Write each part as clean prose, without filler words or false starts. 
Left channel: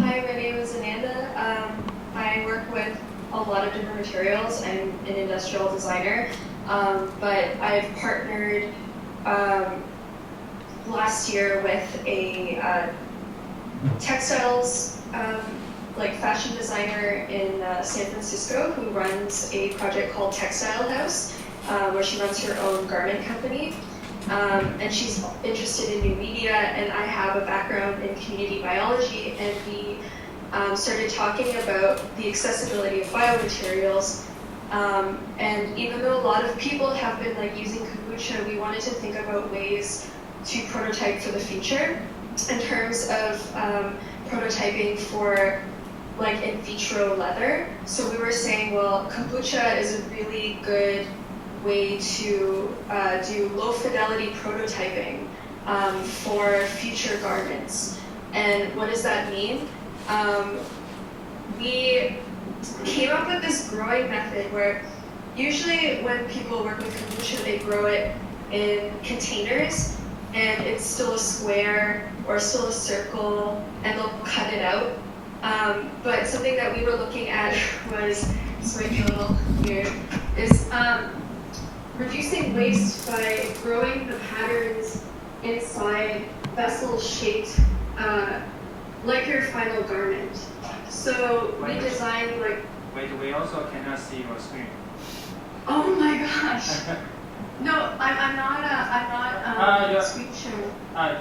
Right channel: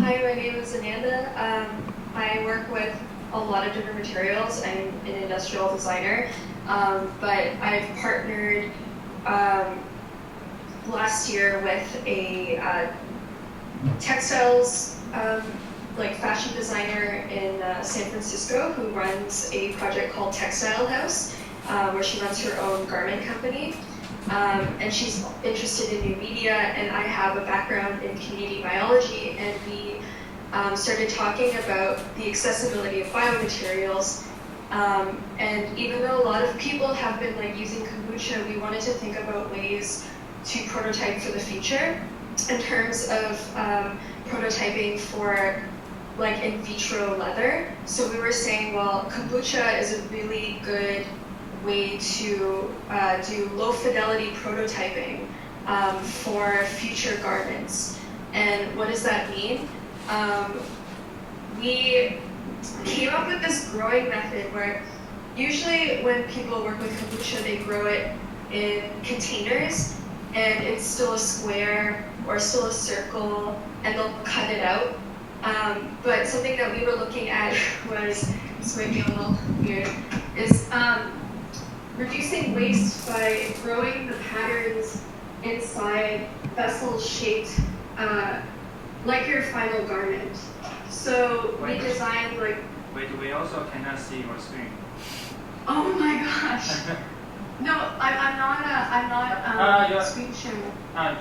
Hi, my name is Ananda. I work with a lot of different materials. I'm an industrial designer, but I've partnered last year with a textiles like fashion designer in San Francisco who runs a project called Textile House, where she runs her own garment company. And she's interested in new media, and I have a background in community biology, and we started talking about the accessibility of biomaterials. And even though a lot of people have been like using kombucha, we wanted to think about ways to prototype for the future in terms of prototyping for like in vitro leather. So we were saying, well, kombucha is a really good way to do low fidelity prototyping for future garments. And what does that mean? We came up with this growing method where usually when people work with kombucha, they grow it in containers and it's still a square or still a circle and they'll cut it out. But something that we were looking at was, this might be a little weird, is reducing waste by growing the patterns inside vessels shaped like your final garment. So we designed like... Wait, we also cannot see your screen. Oh my gosh. No, I'm not screen sharing. I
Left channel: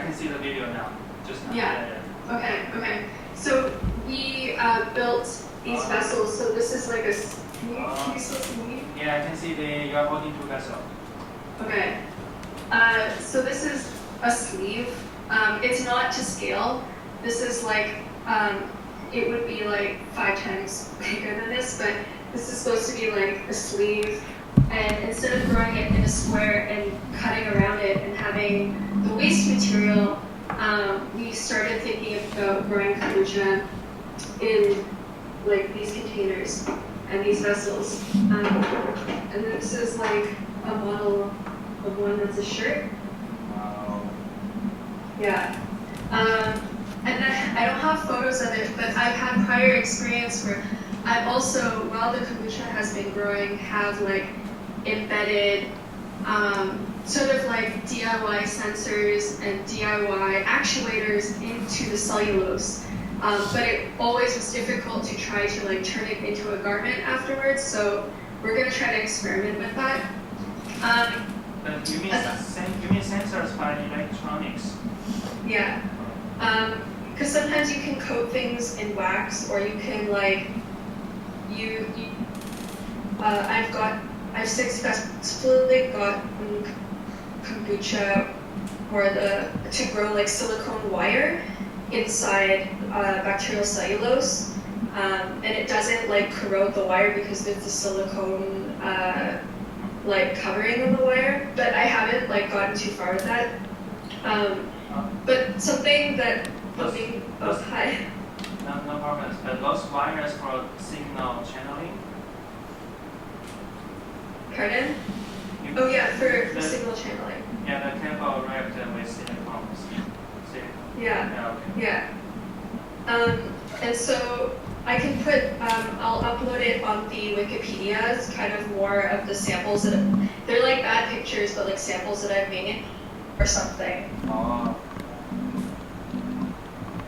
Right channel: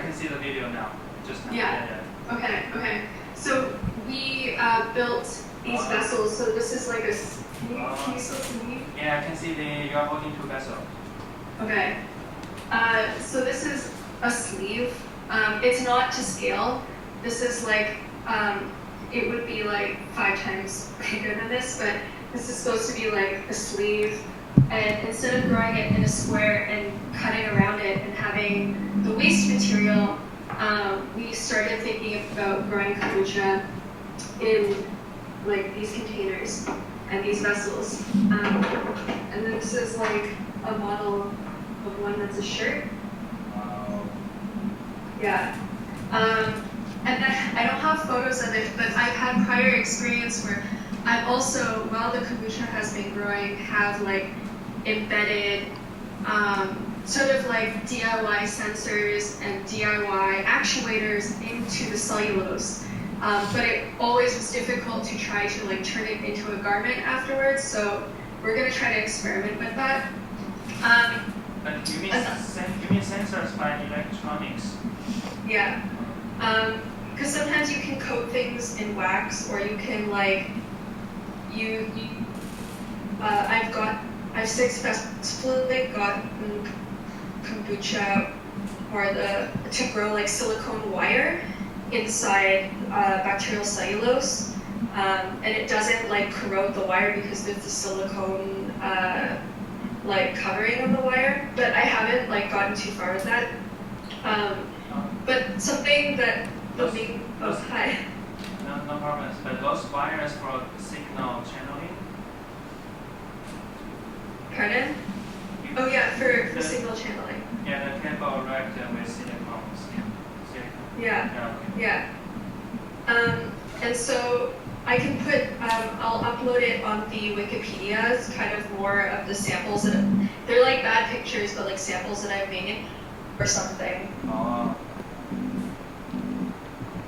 can see the video now. Just now. Yeah. Okay. So we built these vessels. So this is like a... Can you still see me? Yeah, I can see you are holding two vessels. Okay. So this is a sleeve. It's not to scale. This is like, it would be like 5 times bigger than this, but this is supposed to be like a sleeve. And instead of growing it in a square and cutting around it and having the waste material, we started thinking about growing kombucha in like these containers and these vessels. And this is like a model of one that's a shirt. Wow. Yeah. And I don't have photos of it, but I've had prior experience where I've also, while the kombucha has been growing, have like embedded sort of like DIY sensors and DIY actuators into the cellulose. But it always was difficult to try to like turn it into a garment afterwards, so we're gonna try to experiment with that. But you mean sensors by electronics? Yeah. Because sometimes you can coat things in wax, or you can like, I've successfully gotten kombucha or to grow like silicone wire inside bacterial cellulose, and it doesn't like corrode the wire because there's the silicone like covering on the wire. But I haven't like gotten too far with that. But something that hi. No problems. But those wires for signal channeling. Pardon? Oh yeah, for signal channeling. Yeah, the cable wrapped with silicone. Yeah. Okay. Yeah. And so I can put, I'll upload it on the Wikipedia. It's kind of more of the samples that they're like bad pictures, but like samples that I've made or something. Oh.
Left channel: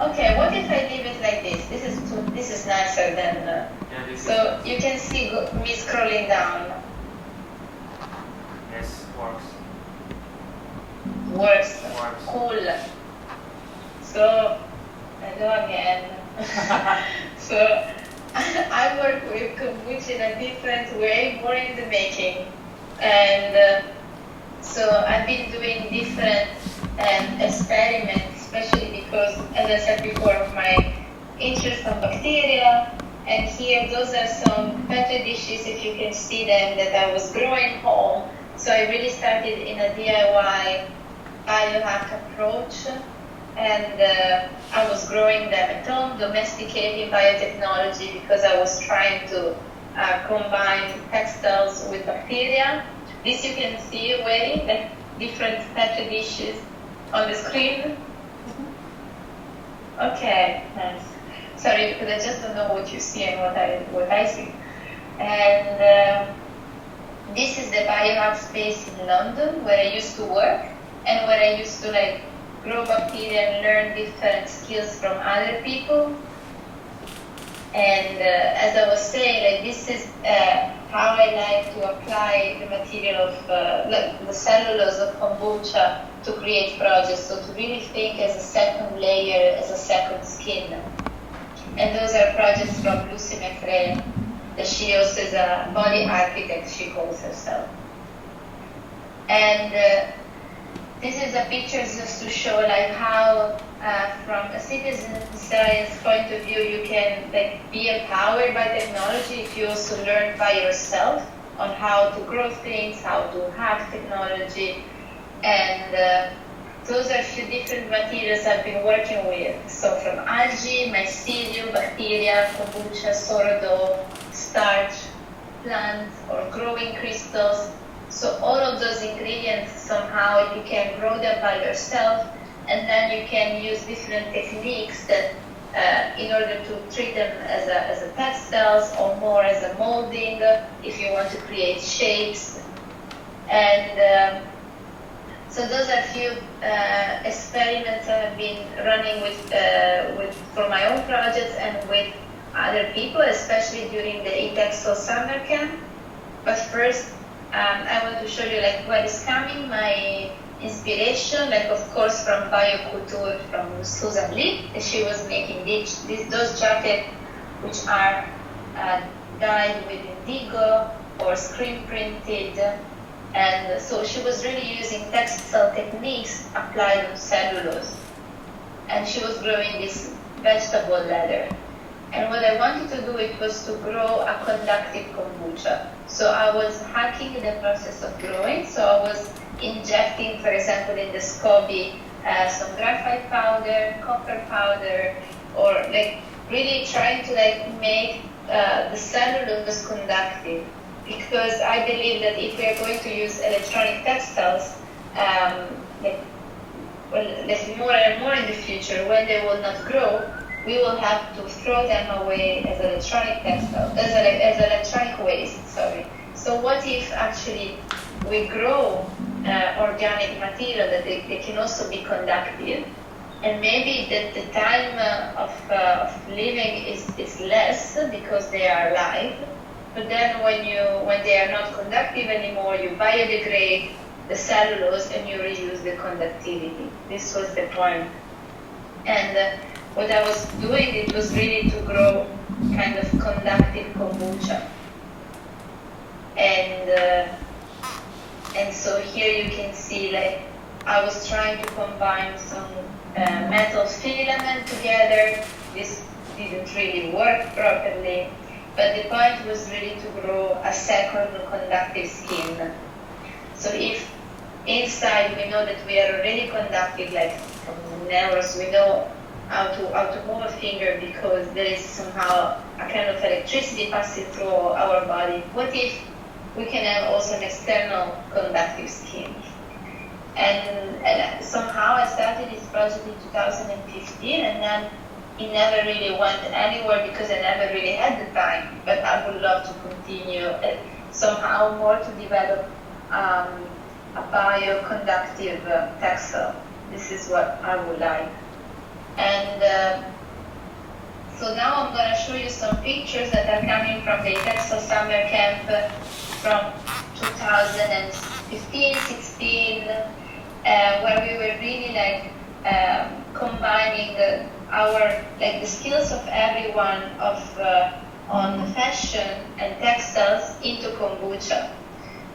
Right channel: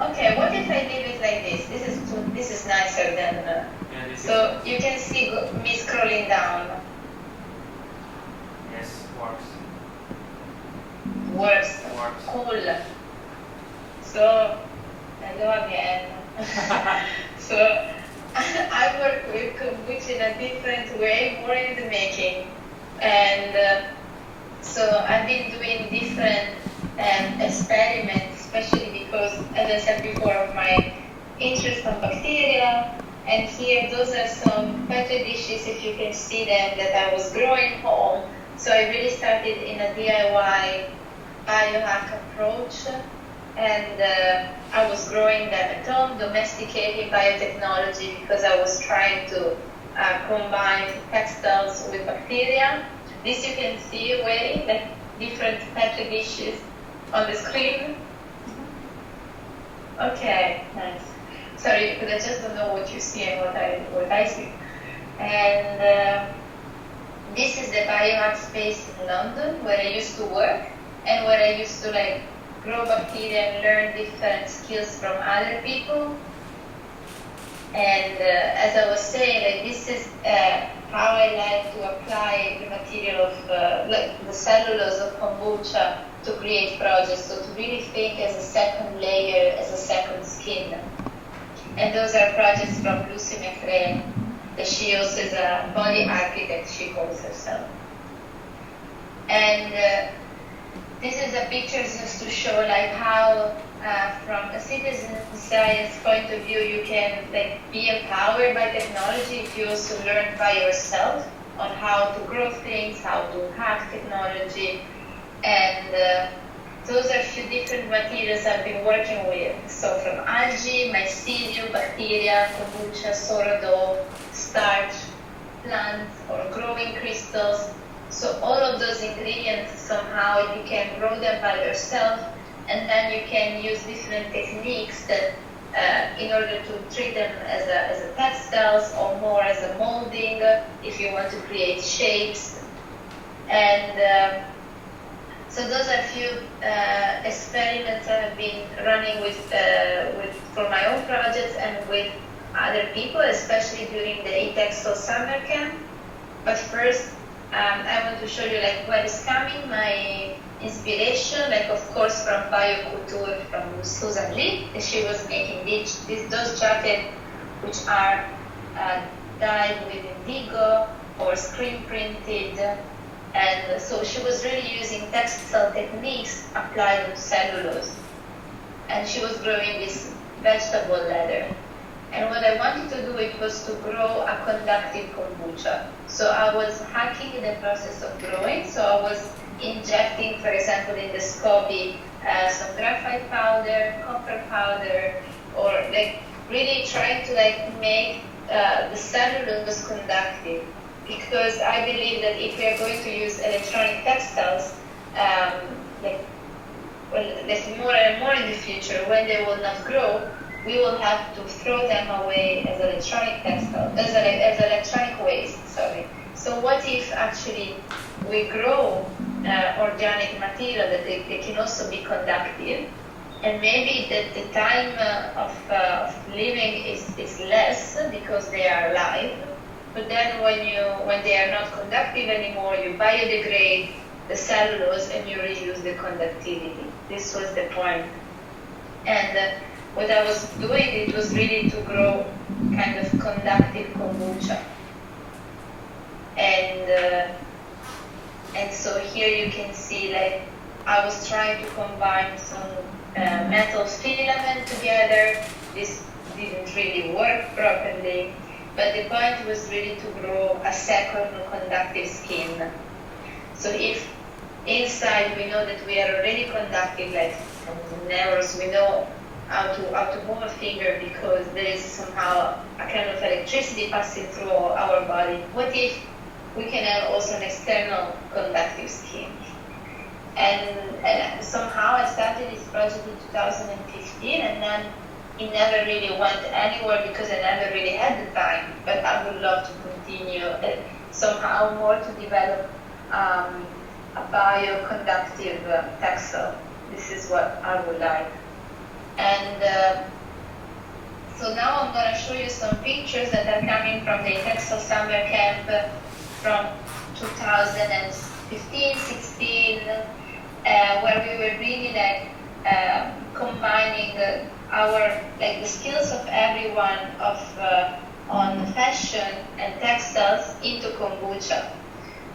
Okay, what if I leave it like this? This is nicer than. Yeah, so you can see me scrolling down. Yes, works. Works. Cool. So I go again. So I work with kombucha in a different way, more in the making, and so I've been doing different experiments, especially because, as I said before, of my interest on bacteria. And here, those are some petri dishes, if you can see them, that I was growing home. So I really started in a DIY biohack approach, and I was growing them at home, domesticating biotechnology, because I was trying to combine textiles with bacteria. This you can see away, the different petri dishes on the screen. Okay, nice. Sorry, because I just don't know what you see and what I see. And this is the Biohack space in London where I used to work and where I used to like grow bacteria and learn different skills from other people. And as I was saying, like this is how I like to apply the material of like the cellulose of kombucha to create projects. So to really think as a second layer, as a second skin. And those are projects from Lucy McRae, that she also is a body architect, she calls herself. And this is a picture just to show like how from a citizen science point of view you can like be empowered by technology if you also learn by yourself on how to grow things, how to hack technology. And those are a few different materials I've been working with. So from algae, mycelium, bacteria, kombucha, sourdough, starch, plants, or growing crystals. So all of those ingredients, somehow you can grow them by yourself, and then you can use different techniques that in order to treat them as a textiles or more as a molding, if you want to create shapes. And so those are a few experiments I've been running with for my own projects and with other people, especially during the textile summer camp. But first, I want to show you like where is coming my inspiration, like of course from bioculture from Susan Lee. She was making those jackets which are dyed with indigo or screen printed. And so she was really using textile techniques applied on cellulose. And she was growing this vegetable leather. And what I wanted to do, it was to grow a conductive kombucha. So I was hacking the process of growing. So I was injecting, for example, in the SCOBY, some graphite powder, copper powder, or like really trying to like make the cellulose conductive. Because I believe that if we are going to use electronic textiles, like more and more in the future, when they will not grow, we will have to throw them away as electronic textile, as electronic waste. Sorry. So what if actually we grow organic material that they can also be conductive, and maybe the time of living is less because they are live. But then when they are not conductive anymore, you biodegrade the cellulose and you reuse the conductivity. This was the point. And what I was doing, it was really to grow kind of conductive kombucha. And so here you can see like I was trying to combine some metal filament together. This didn't really work properly. But the point was really to grow a second conductive skin. So if inside we know that we are already conductive, like from the nerves, we know how to move a finger because there is somehow a kind of electricity passing through our body. What if we can have also an external conductive skin? And somehow I started this project in 2015, and then it never really went anywhere because I never really had the time, but I would love to continue somehow more to develop a bioconductive textile. This is what I would like. And so now I'm going to show you some pictures that are coming from the textile summer camp from 2015, 16, where we were really like combining the skills of everyone on fashion and textiles into kombucha.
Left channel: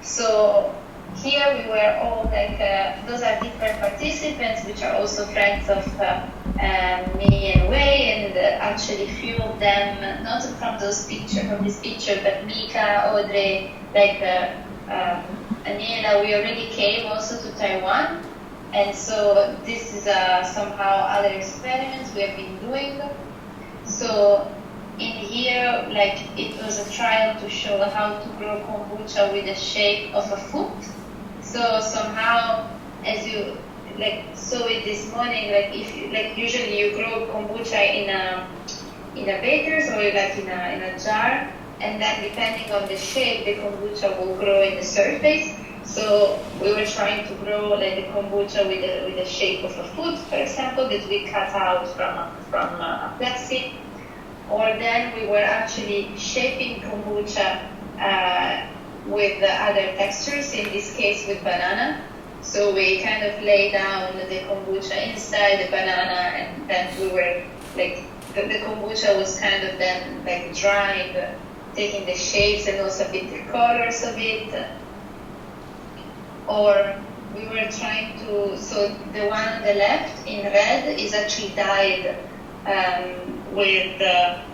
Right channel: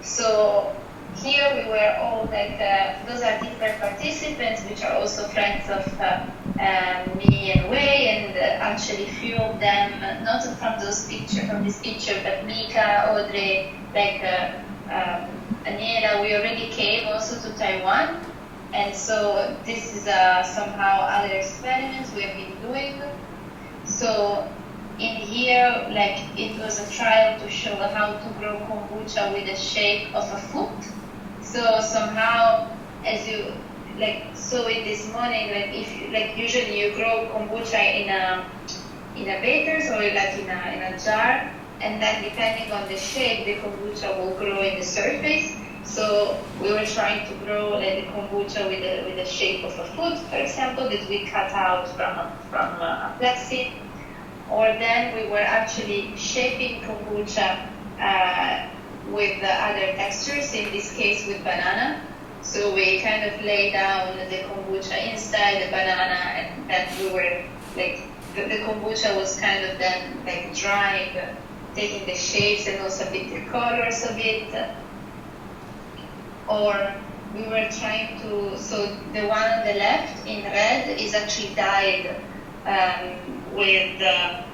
So here we were all like those are different participants, which are also friends of me and Wei, and actually few of them not from this picture, but Mika, Audrey, like Aniela, we already came also to Taiwan. And so this is somehow other experiments we have been doing. So in here, like it was a trial to show how to grow kombucha with the shape of a foot. So somehow, as you like saw it this morning, like if like usually you grow kombucha in a bakers or like in a jar, and then depending on the shape, the kombucha will grow in the surface. So we were trying to grow like the kombucha with the shape of a foot, for example, that we cut out from a plexi. Or then we were actually shaping kombucha with the other textures, in this case with banana. So we kind of lay down the kombucha inside the banana, and then we were like, the kombucha was kind of then like drying, taking the shapes and also a bit the colors of it. Or we were trying to, so the one on the left in red is actually dyed with,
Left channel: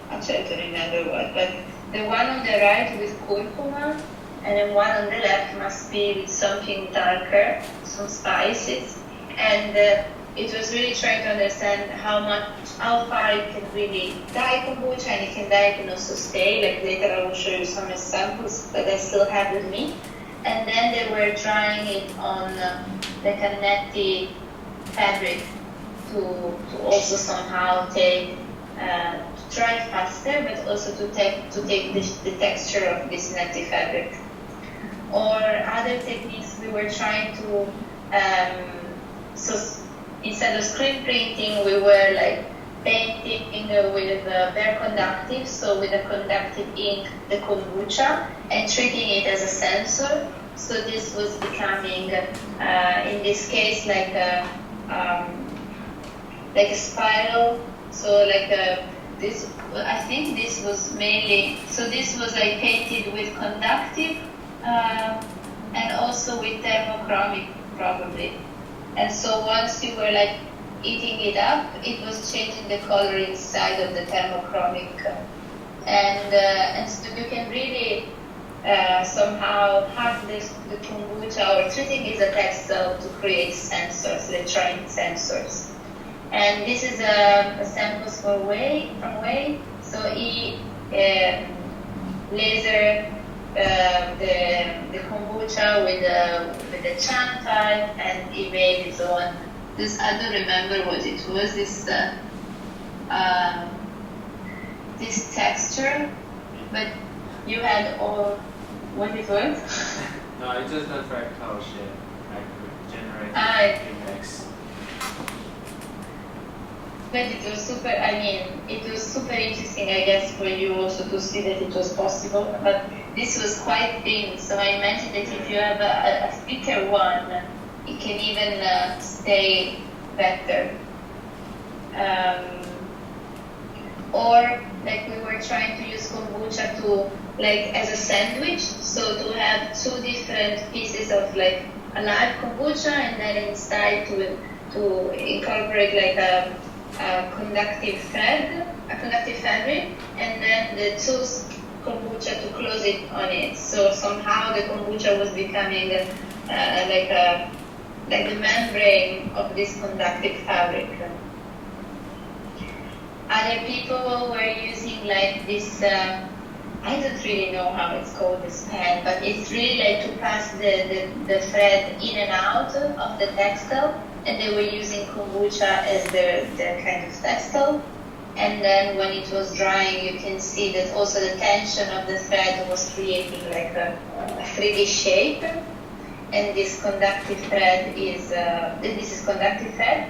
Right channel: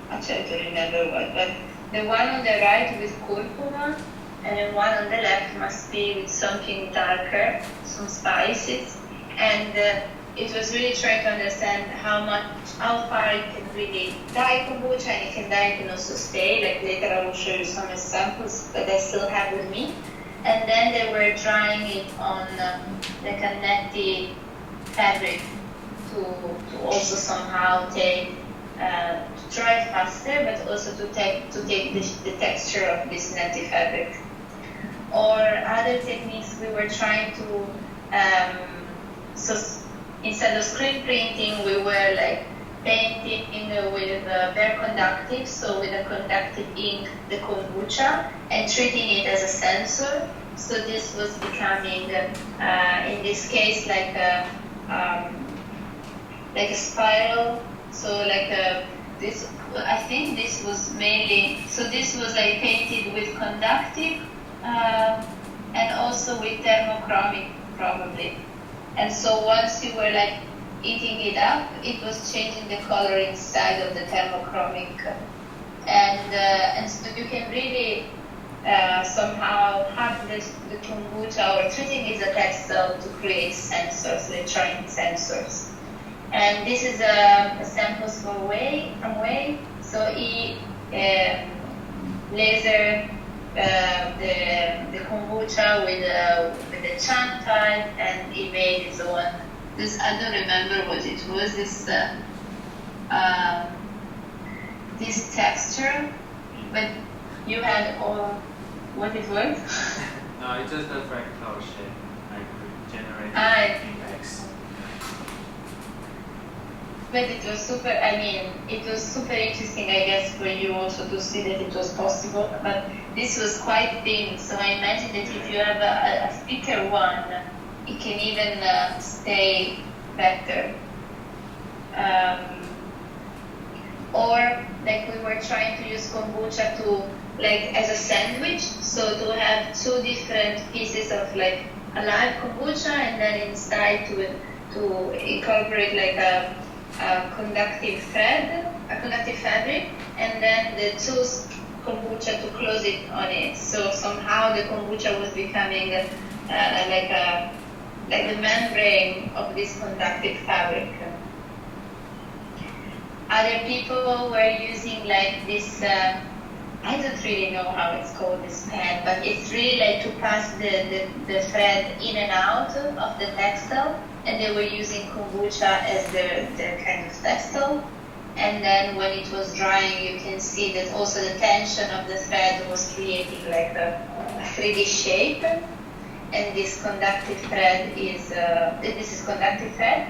actually I don't remember what, but the one on the right with curcuma, and then one on the left must be with something darker, some spices. And it was really trying to understand how far it can really dye kombucha, and it can dye, it can also stay. Like later I will show you some examples that I still have with me. And then they were drying it on like a netty fabric to also somehow take to dry faster, but also to take the texture of this netty fabric. Or other techniques, we were trying to so instead of screen printing, we were like painting with bare conductive, so with a conductive ink, the kombucha, and treating it as a sensor. So this was becoming, in this case, like a spiral. So like this, I think this was mainly, so this was like painted with conductive and also with thermochromic probably. And so once you were like eating it up, it was changing the color inside of the thermochromic, and so you can really somehow have the kombucha or treating it as a textile to create sensors, electronic sensors. And this is samples from whey. So he laser the kombucha with the xanthine, and he made his own. This, I don't remember what it was. This texture, but you had all what it was. No, it's just a fractal shape. I could generate images. But it was super. I mean, it was super interesting, I guess, for you also to see that it was possible. But this was quite thin, so I imagine that if you have a thicker one, it can even stay better. Or like we were trying to use kombucha to like as a sandwich, so to have two different pieces of like a live kombucha, and then inside to incorporate like a conductive thread, a conductive fabric, and then the two kombucha to close it on it. So somehow the kombucha was becoming like the membrane of this conductive fabric. Other people were using like this, I don't really know how it's called, this pen, but it's really like to pass the thread in and out of the textile, and they were using kombucha as their kind of textile. And then when it was drying, you can see that also the tension of the thread was creating like a 3D shape. And this conductive thread is, this is conductive thread.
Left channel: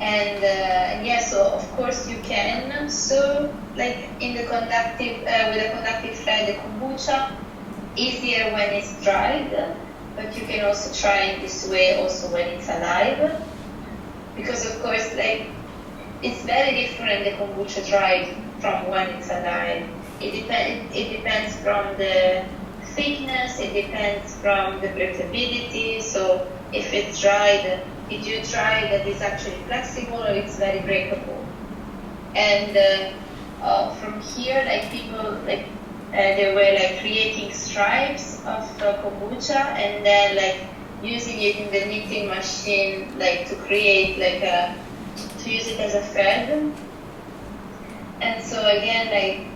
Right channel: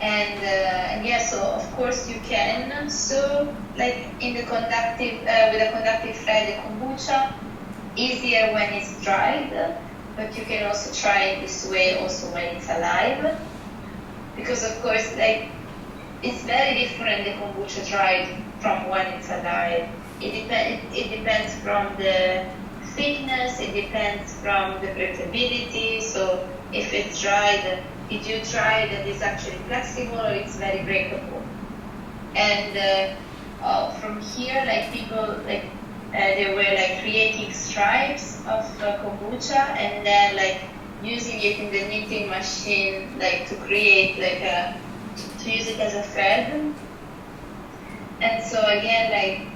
And yeah, so of course you can sew like in the conductive, with a conductive thread, the kombucha, easier when it's dried, but you can also try it this way also when it's alive. Because of course, like, it's very different, the kombucha dried from when it's alive. It depends from the thickness, it depends from the breathability. So if it's dried, if you try that it's actually flexible or it's very breakable. And from here, like people, like they were like creating stripes of kombucha, and then like using it in the knitting machine, like to create like to use it as a thread. And so again, like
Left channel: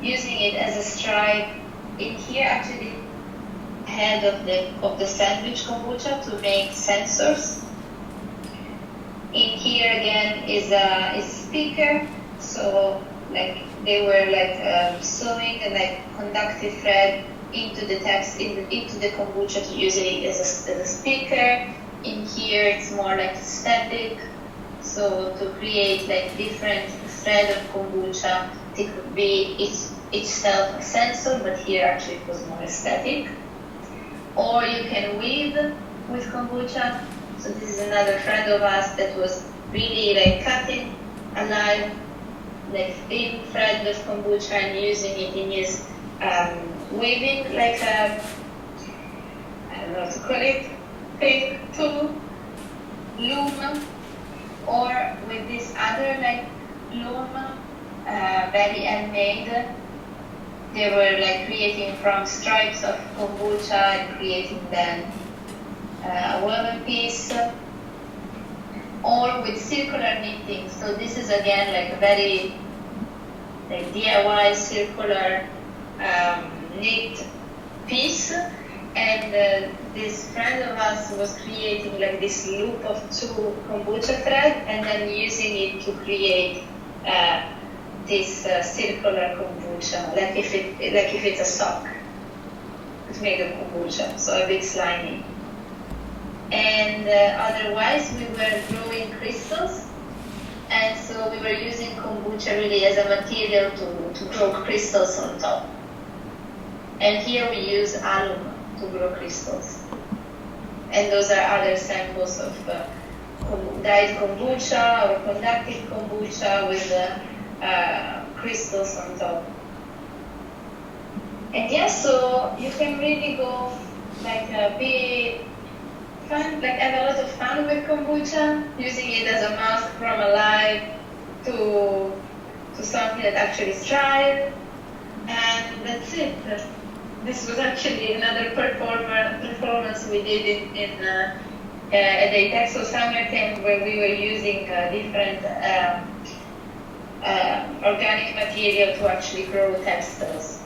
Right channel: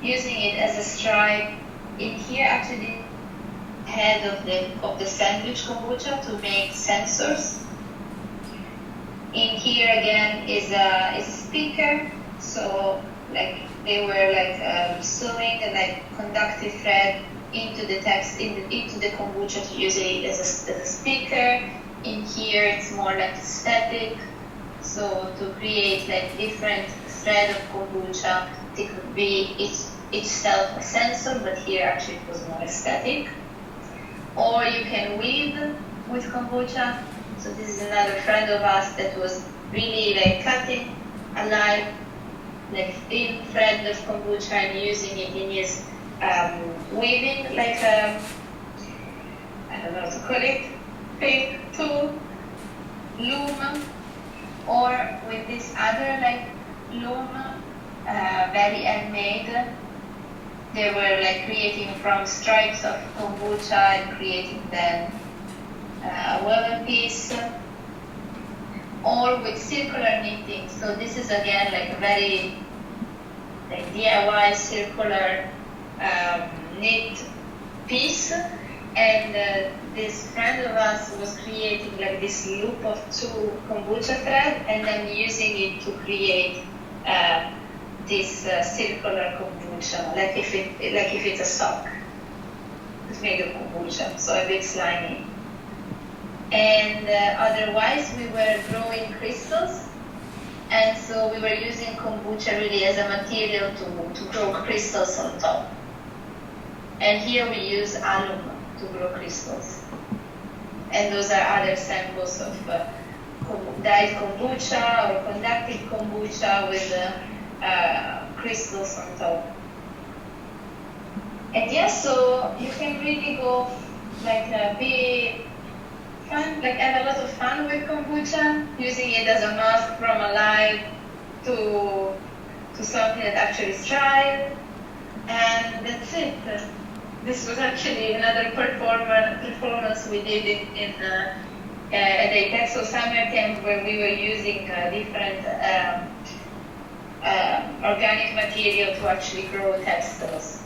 using it as a stripe. In here, actually, head of the sandwich kombucha to make sensors. In here again is a speaker, so like they were like sewing the like conductive thread into the text into the kombucha to use it as a speaker. In here it's more like static, so to create like different thread of kombucha, it could be each self a sensor, but here actually it was more static. Or you can weave with kombucha. So this is another friend of us that was really like cutting a live, like thin thread of kombucha and using it in his weaving, like I don't know how to call it, thing to loom. Or with this other like loom, very handmade. They were like creating from stripes of kombucha and creating then a woven piece, or with circular knitting. So this is again like a very like DIY circular knit piece, and this friend of us was creating like this loop of 2 kombucha thread and then using it to create this circular kombucha, like if it's a sock. It's made of kombucha, so a bit slimy. And otherwise, we were growing crystals, and so we were using kombucha really as a material to grow crystals on top. And here we use alum to grow crystals. And those are other samples of dyed kombucha or conductive kombucha with crystals on top. And yeah, so you can really go like be fun, like have a lot of fun with kombucha, using it as a mask from a live to something that actually is dry, and that's it. This was actually another performance we did at the textile summer camp, where we were using different organic material to actually grow textiles.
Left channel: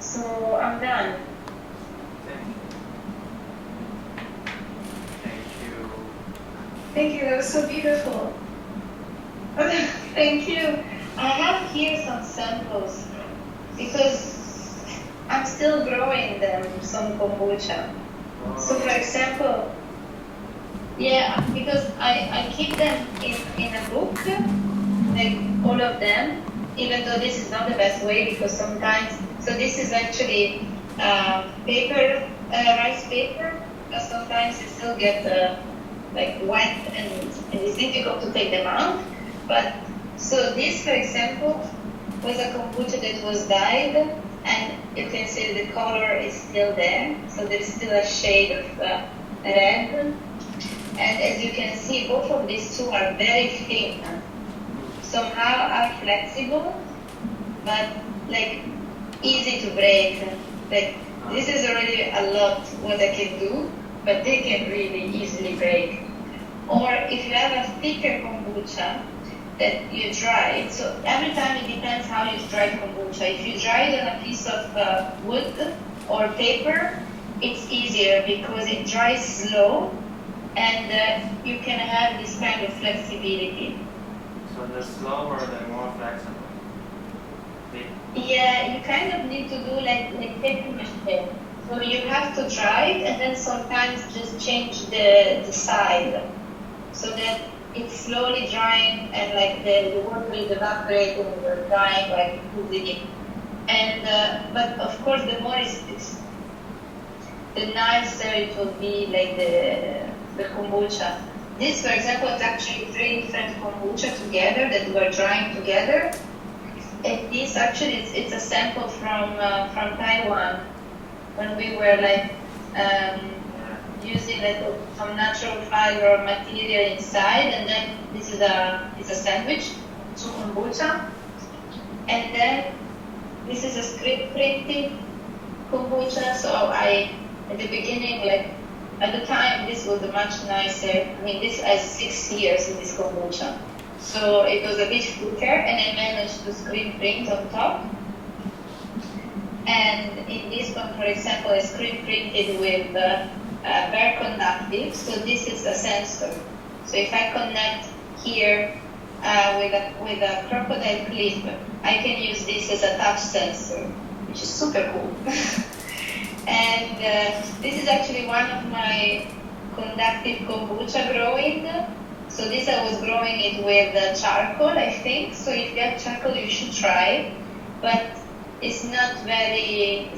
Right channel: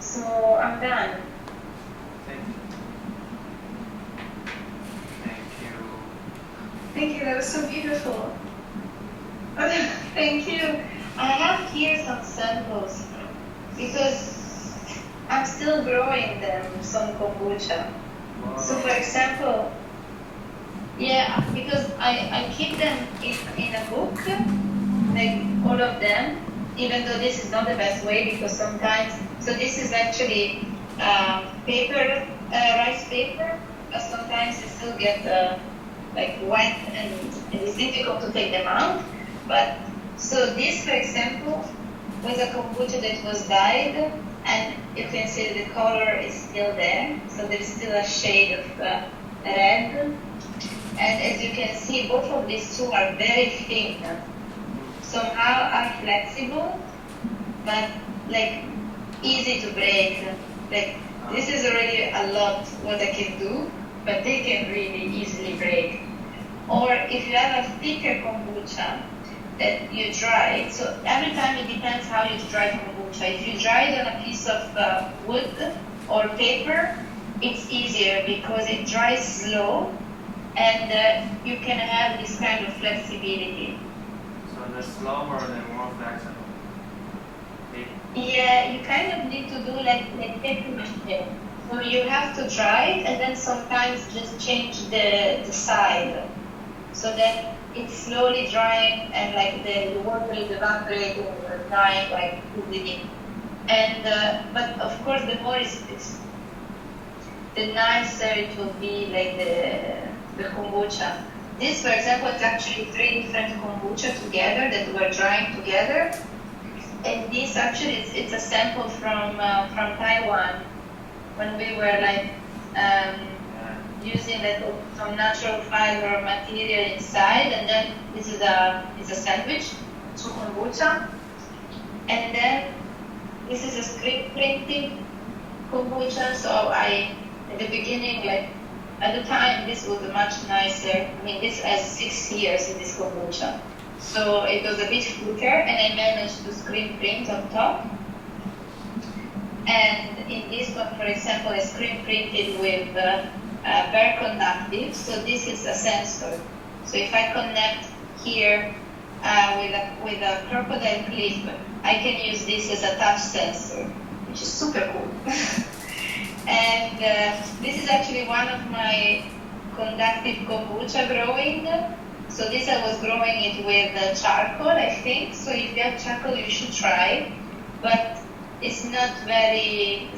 So I'm done. Thank you, that was so beautiful. Thank you. I have here some samples because I'm still growing them, some kombucha. Wow. So for example, yeah, because I keep them in a book, like all of them, even though this is not the best way because sometimes, so this is actually paper, rice paper, but sometimes you still get like wet and it's difficult to take them out. But so this, for example, was a kombucha that was dyed, and you can see the color is still there. So there is still a shade of red. And as you can see, both of these two are very thin. Somehow are flexible, but like easy to break. Like this is already a lot what I can do, but they can really easily break. Or if you have a thicker kombucha that you dry, so every time it depends how you dry kombucha. If you dry it on a piece of wood or paper, it's easier because it dries slow and you can have this kind of flexibility. So the slower, the more flexible. Yeah, you kind of need to do like paper mache. So you have to dry it and then sometimes just change the side so that it's slowly drying and like the water is evaporating and we're drying like easily. And but of course the more it's the nicer it will be, like the kombucha. This, for example, is actually 3 different kombucha together that were drying together. And this actually it's a sample from Taiwan, when we were like using like some natural fiber material inside, and then this is a sandwich to kombucha, and then this is a screen printed kombucha. So at the beginning, like at the time, this was much nicer. I mean, this has 6 years in this kombucha. So it was a bit thicker, and I managed to screen print on top. And in this one, for example, is screen printed with bare conductive. So this is a sensor. So if I connect here with a crocodile clip, I can use this as a touch sensor, which is super cool. And this is actually one of my conductive kombucha growing. So this I was growing it with charcoal, I think. So if you have charcoal, you should try. But it's not very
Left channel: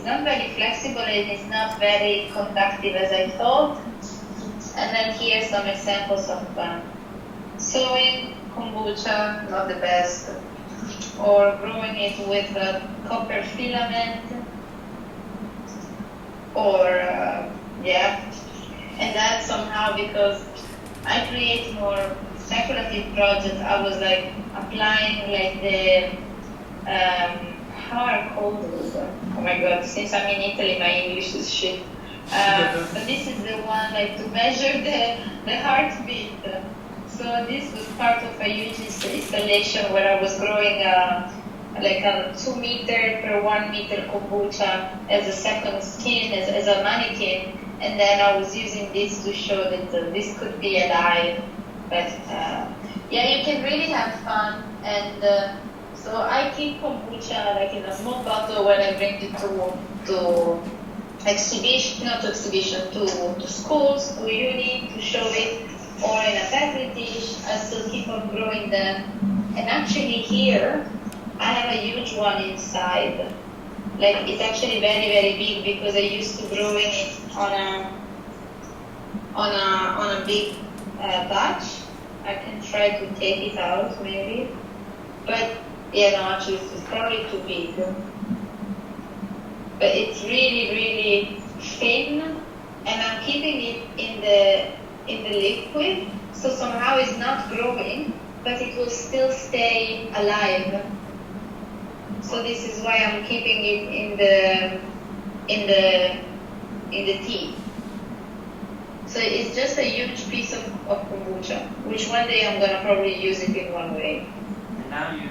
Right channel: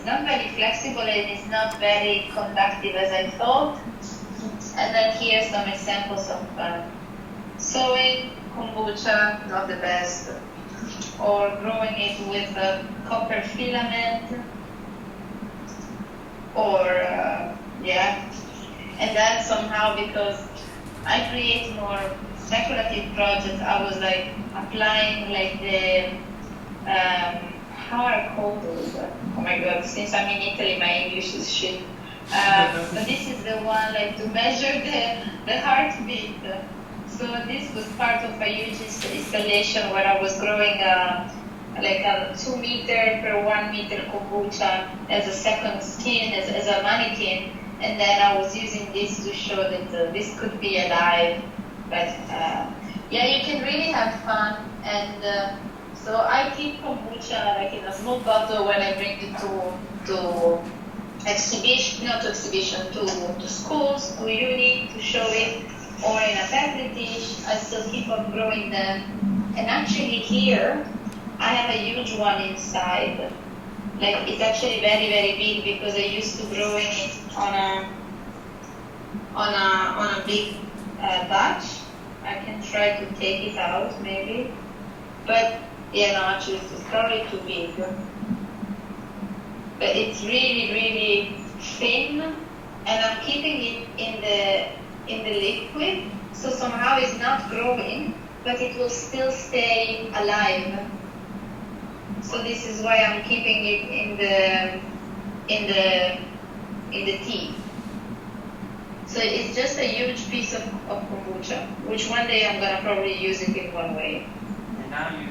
flexible and it's not very conductive as I thought. And then here's some examples of sewing kombucha, not the best, or growing it with a copper filament, or and then somehow, because I create more speculative projects, I was like applying like the how are called those? Oh my god, since I'm in Italy, my English is shit. But this is the one like to measure the heartbeat. So this was part of a huge installation where I was growing like a 2 meter per 1 meter kombucha as a second skin, as a mannequin. And then I was using this to show that this could be alive. But yeah, you can really have fun. And so I keep kombucha like in a small bottle when I bring it to exhibition, not to exhibition, to schools, to uni, to show it, or in a petri dish. I still keep on growing them. And actually here, I have a huge one inside. Like it's actually very, very big because I used to growing it on a big batch. I can try to take it out maybe, but yeah, no, actually it's probably too big. But it's really, really thin, and I'm keeping it in the liquid, so somehow it's not growing, but it will still stay alive. So this is why I'm keeping it in the tea. So it's just a huge piece of kombucha, which one day I'm gonna probably use it in one way. And now you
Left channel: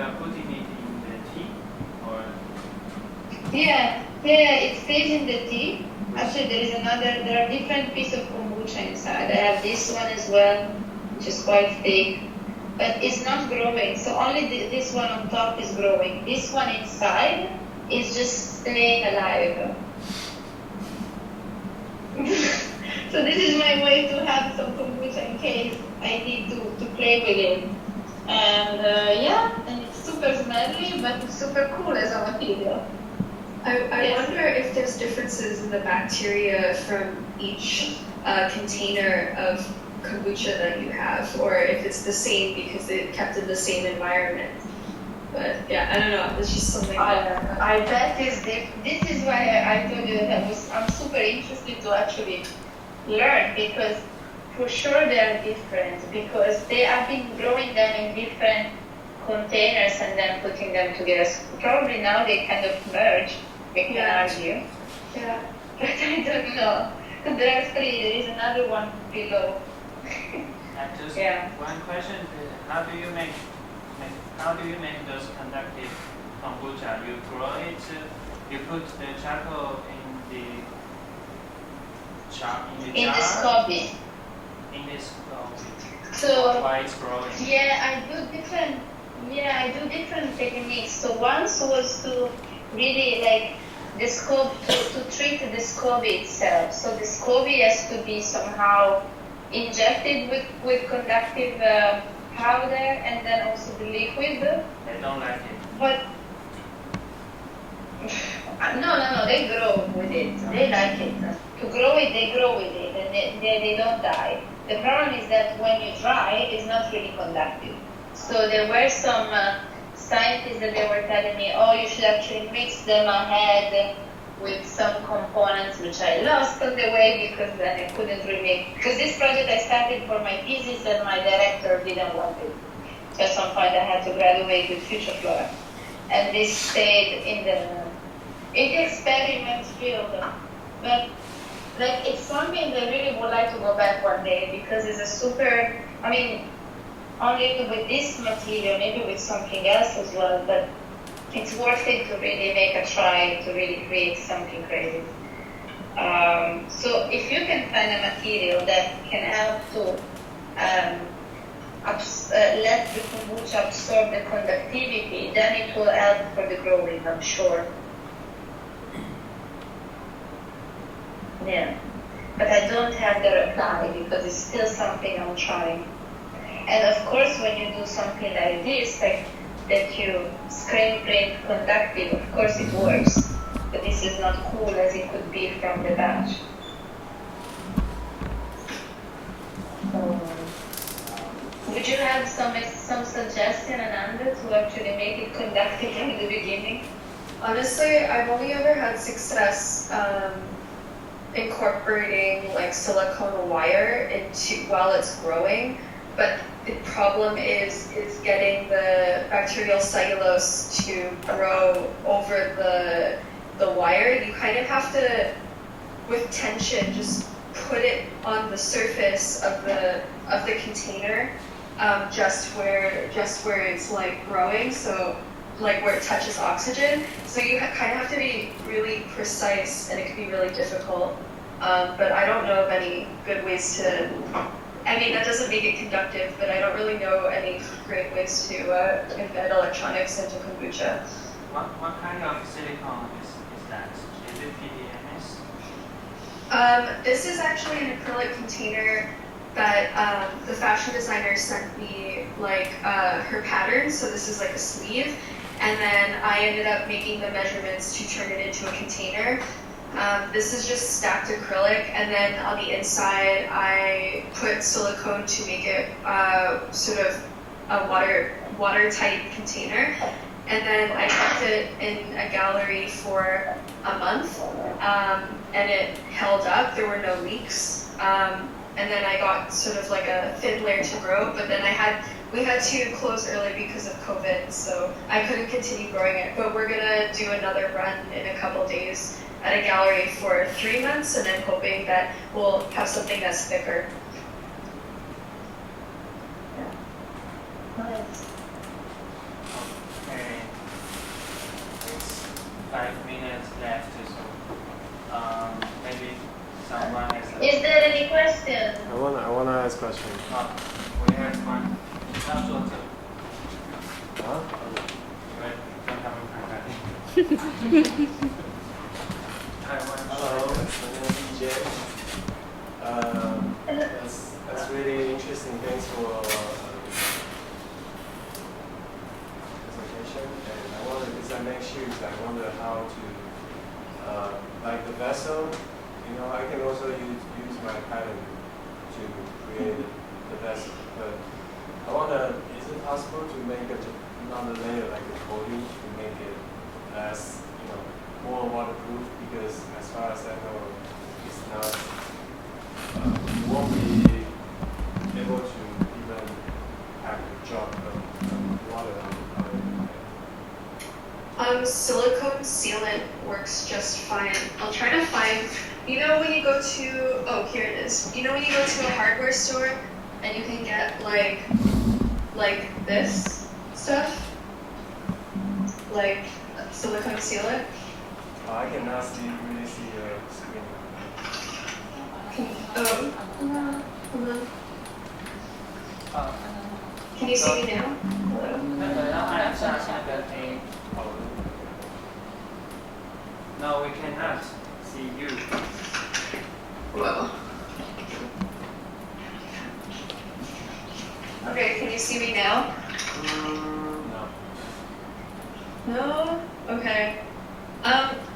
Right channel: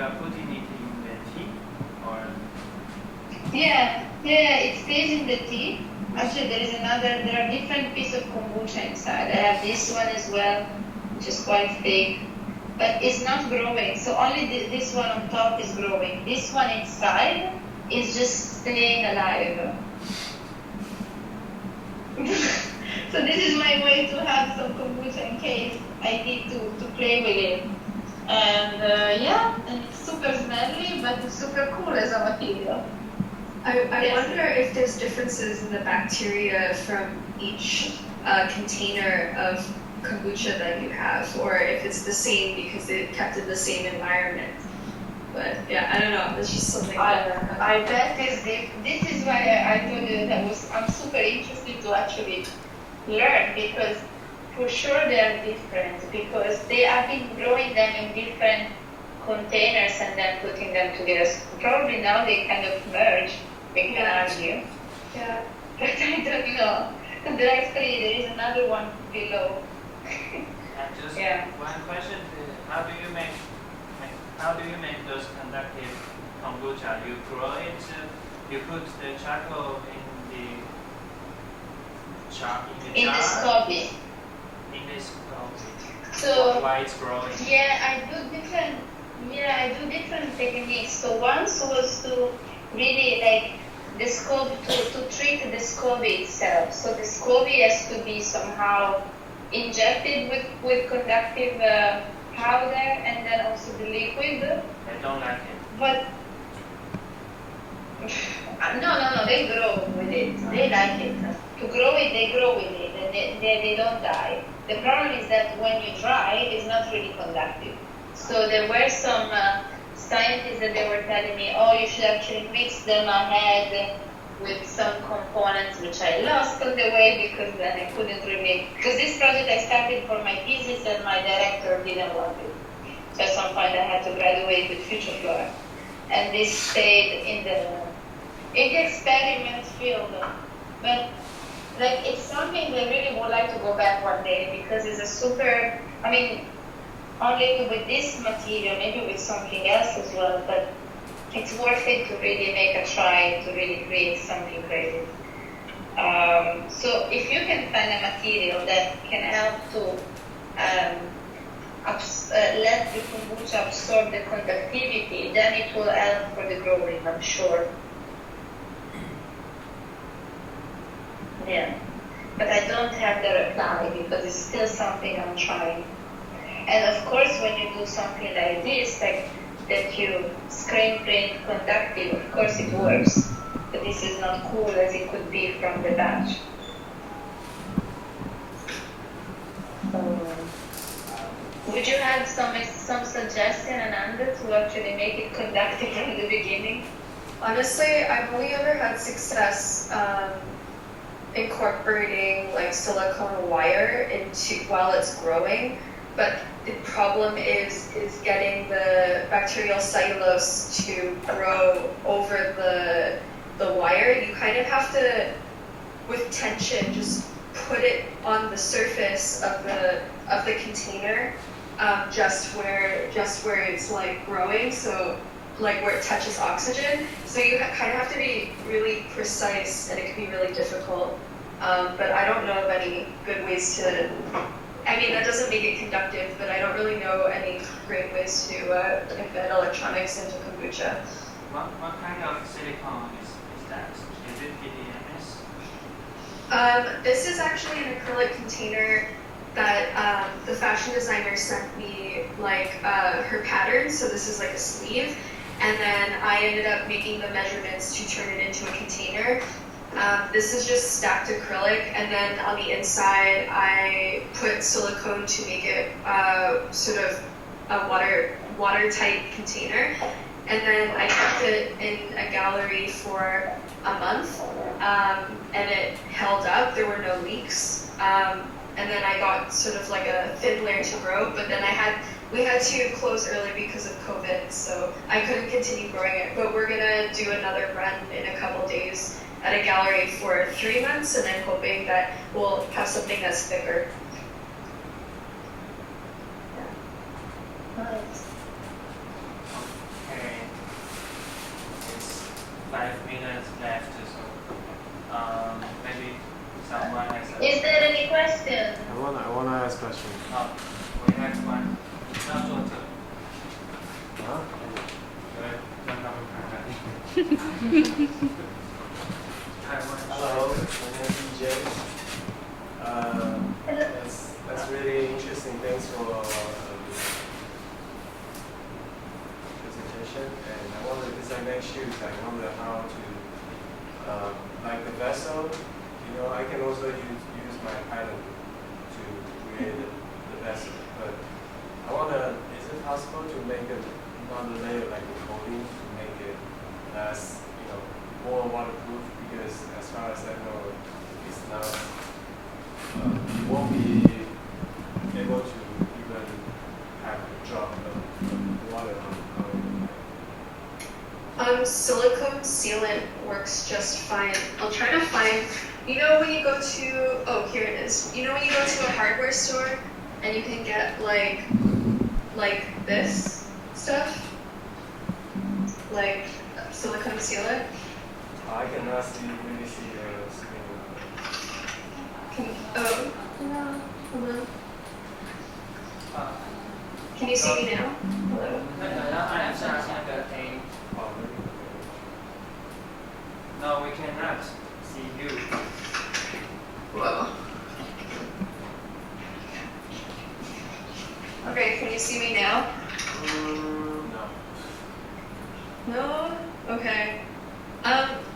are putting it in the tea, or? Yeah, it stays in the tea. Actually, there are different pieces of kombucha inside. I have this one as well, which is quite thick, but it's not growing. So only this one on top is growing. This one inside is just staying alive. So this is my way to have some kombucha in case I need to play with it. And and it's super smelly, but it's super cool as a material. I wonder if there's differences in the bacteria from each container of kombucha that you have, or if it's the same because it kept in the same environment. But yeah, I don't know. It's just something. I bet this is why I told you that I'm super interested to actually learn, because for sure they are different, because they have been growing them in different containers and then putting them together. So probably now they kind of merge. We can argue. Yeah. But I don't know. There are 3. There is another one below. And just one question: how do you make those conductive kombucha? You grow it. You put the charcoal in the jar. In the SCOBY. In the SCOBY. So why it's growing? I do different techniques. So once was to really like the scope to treat the SCOBY itself. So the SCOBY has to be somehow injected with conductive powder, and then also the liquid. They don't like it. But no, they grow with it. They like it. To grow it, they grow with it, and they don't die. The problem is that when you dry, it's not really conductive. So there were some scientists that they were telling me, oh, you should actually mix them ahead with some components, which I lost on the way because then I couldn't really. Because this project I started for my thesis and my director didn't want it. So at some point I had to graduate with Future Flora. And this stayed in the experiment field. But like it's something that I really would like to go back one day, because it's a super, only with this material, maybe with something else as well, but it's worth it to really make a try to really create something crazy. So if you can find a material that can help to let the kombucha absorb the conductivity, then it will help for the growing, I'm sure. Yeah, but I don't have the reply because it's still something I'm trying. And of course, when you do something like this, like that you screen print conductive, of course it works. But this is not cool as it could be from the batch. Would you have some suggestion, Ananda, to actually make it conductive from the beginning? Honestly, I've only ever had success incorporating like silicone wire into while it's growing, but the problem is getting the bacterial cellulose to grow over the wire. You kind of have to, with tension, just put it on the surface of the container, just where it's like growing, so like where it touches oxygen. So you kind of have to be really precise, and it can be really difficult. But I don't know of any good ways to. I mean, that doesn't make it conductive, but I don't really know any great ways to embed electronics into kombucha. What kind of silicone is that? Is it PDMS? This is actually an acrylic container that the fashion designer sent me like her pattern. So this is like a sleeve, and then I ended up making the measurements to turn it into a container. This is just stacked acrylic, and then on the inside I put silicone to make it sort of a watertight container. And then I kept it in a gallery for a month, and it held up. There were no leaks. And then I got sort of like a thin layer to grow, but then we had to close early because of COVID, so I couldn't continue growing it. But we're gonna do another run in a couple days at a gallery for 3 months, and I'm hoping that we'll have something that's thicker. Nice. Okay. It's 5 minutes left, so maybe someone has a... Is there any question? I wanna ask a question. We have one. 你要坐这。啊？因为让他们看看。Hello, my name is DJ. That's really interesting. Thanks for presentation. And I wonder, because I make shoes, I wonder how to like the vessel. You know, I can also use my pattern to create the vessel. But I wonder, is it possible to make another layer like a coating to make it less, more waterproof? Because as far as I know, it's not. You won't be able to even have a drop of water on it. Silicone sealant works just fine. I'll try to find, when you go to, here it is. When you go to a hardware store and you can get like this stuff, like silicone sealant. I cannot really see the screen. Can you see me now? Hello? 那个要按下那个 A。No, we cannot see you. Whoa. Okay, can you see me now? No. No? Okay.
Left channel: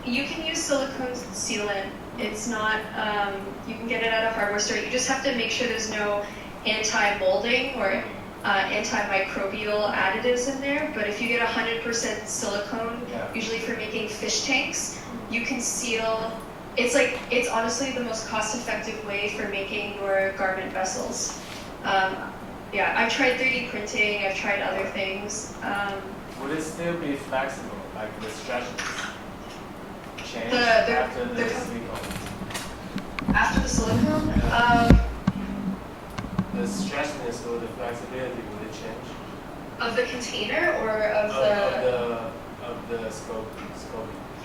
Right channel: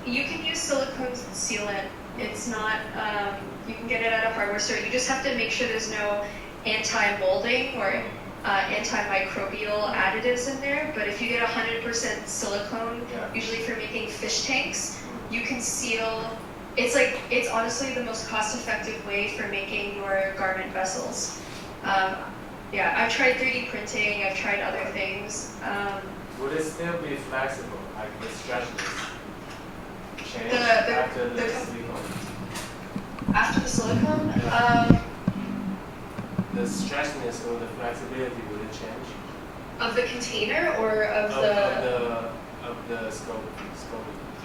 You can use silicone sealant. It's not, you can get it at a hardware store. You just have to make sure there's no anti-molding or antimicrobial additives in there. But if you get 100% silicone, usually for making fish tanks, you can seal. It's honestly the most cost-effective way for making your garment vessels. I've tried 3D printing. I've tried other things. Would it still be flexible, like the stretchness change after the silicone? After the silicone? Yeah. The stretchness or the flexibility, will it change? Of the container or of of the scope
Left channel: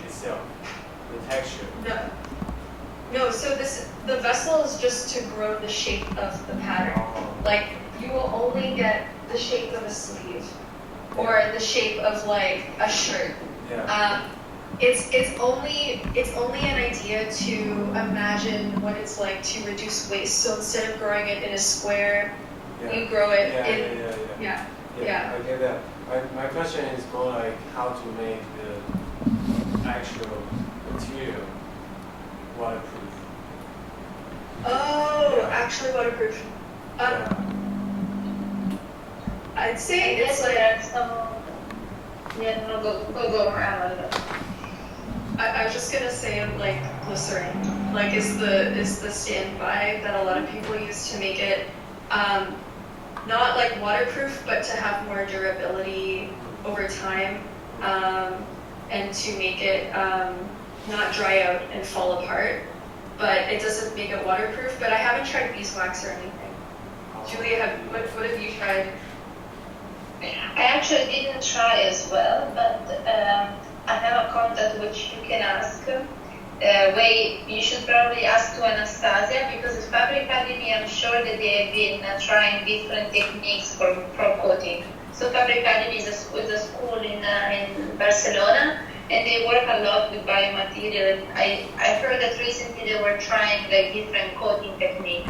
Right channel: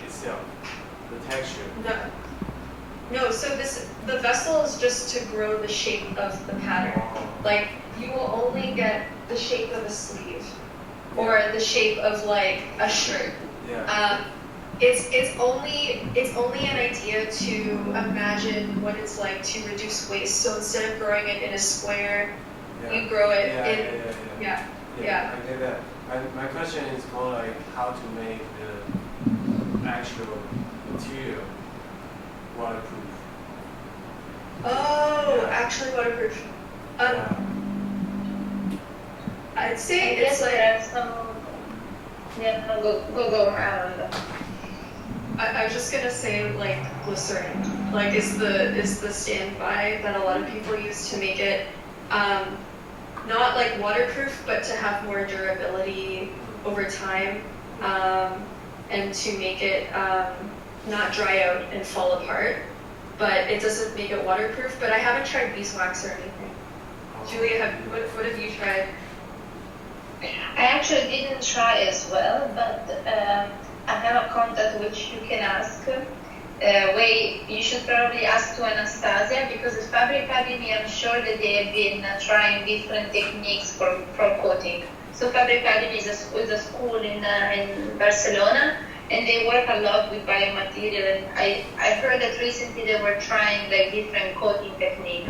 itself, the texture. No, so the vessel is just to grow the shape of the pattern. Like, you will only get the shape of a sleeve or the shape of like a shirt. Yeah. It's only an idea to imagine what it's like to reduce waste. So instead of growing it in a square, you grow it in. Yeah. I get that. My question is more like how to make the actual material waterproof. Oh, actually waterproof. I'd say it's like. There are some. Yeah, no, go around. I'm just gonna say like glycerin, like is the standby that a lot of people use to make it not like waterproof, but to have more durability over time, and to make it not dry out and fall apart. But it doesn't make it waterproof. But I haven't tried beeswax or anything. Julia, what have you tried? I actually didn't try as well, but I have a contact which you can ask. You should probably ask to Anastasia, because with Fabric Academy, I'm sure that they have been trying different techniques for coating. So Fabric Academy is a school in Barcelona, and they work a lot with biomaterial. And I heard that recently they were trying like different coating techniques.